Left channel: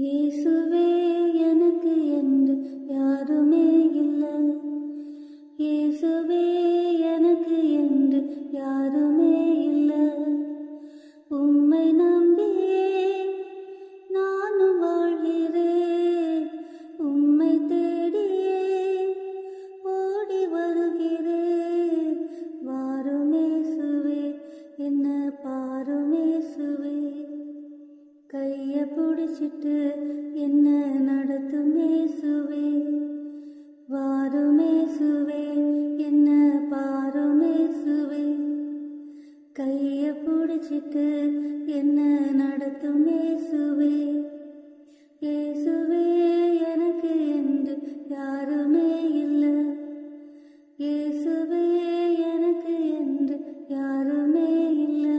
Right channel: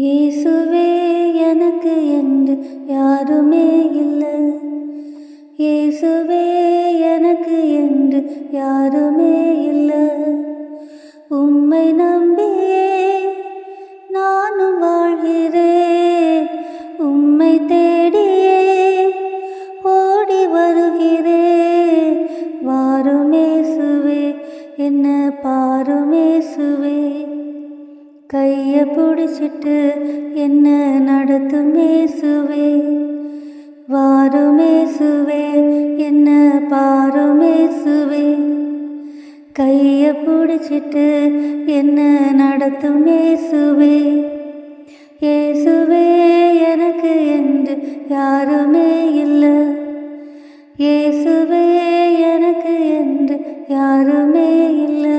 இயேசுவே எனக்கு என்று யாருமே இல்லை. இயேசுவே எனக்கு என்று யாருமே இல்லை. உம்மை நம்பியே நானும் வாழ்கிறேன். உம்மை தேடியே ஓடி வருகிறேன். வாருமேசுவே என்ன பாருமேசுவே. கையை பிடிச்சிட்டு என்ன நடத்துமேசுவே. வாருமேசுவே என்ன பாருமேசுவே. கையை பிடிச்சிட்டு என்ன நடத்துமேசுவே. இயேசுவே எனக்கு என்று யாருமே இல்லை. இயேசுவே எனக்கு என்று யாருமே இல்லை.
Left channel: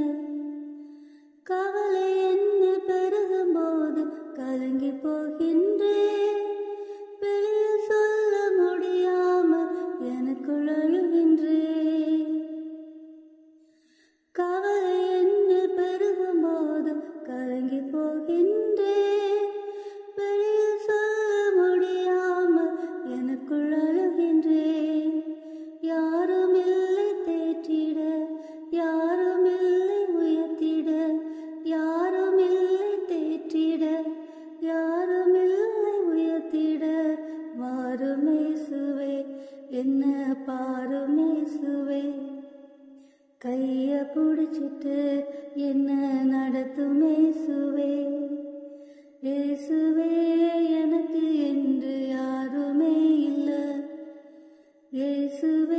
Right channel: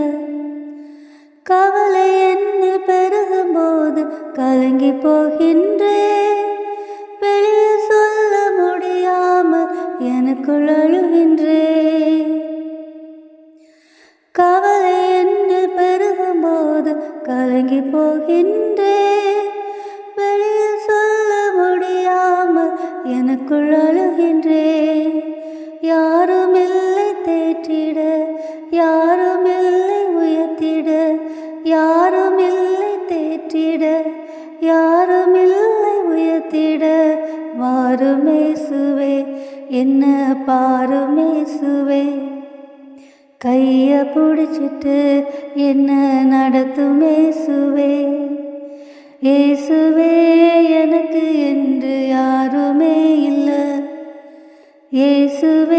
கவலை என்னில் பெருகும்போது கலங்கி போகின்றேன். வெளியே சொல்ல முடியாமல் எனக்குள் அழுகின்றேன். கவலை என்னில் பெருகும்போது கலங்கி போகின்றேன். வெளியே சொல்ல முடியாமல் எனக்குள் அழுகின்றேன். யாரும் இல்லை தேற்றிட, யாரும் இல்லை உயர்த்திட, யாரும் இல்லை தேற்றிட, யாரும் இல்லை உயர்த்திட. வாருமேசுவே என்ன பாருமேசுவே. கையை பிடிச்சிட்டு என்ன நடத்துமேசுவே. இயேசுவே எனக்கு என்று யாருமே இல்லை. இயேசுவே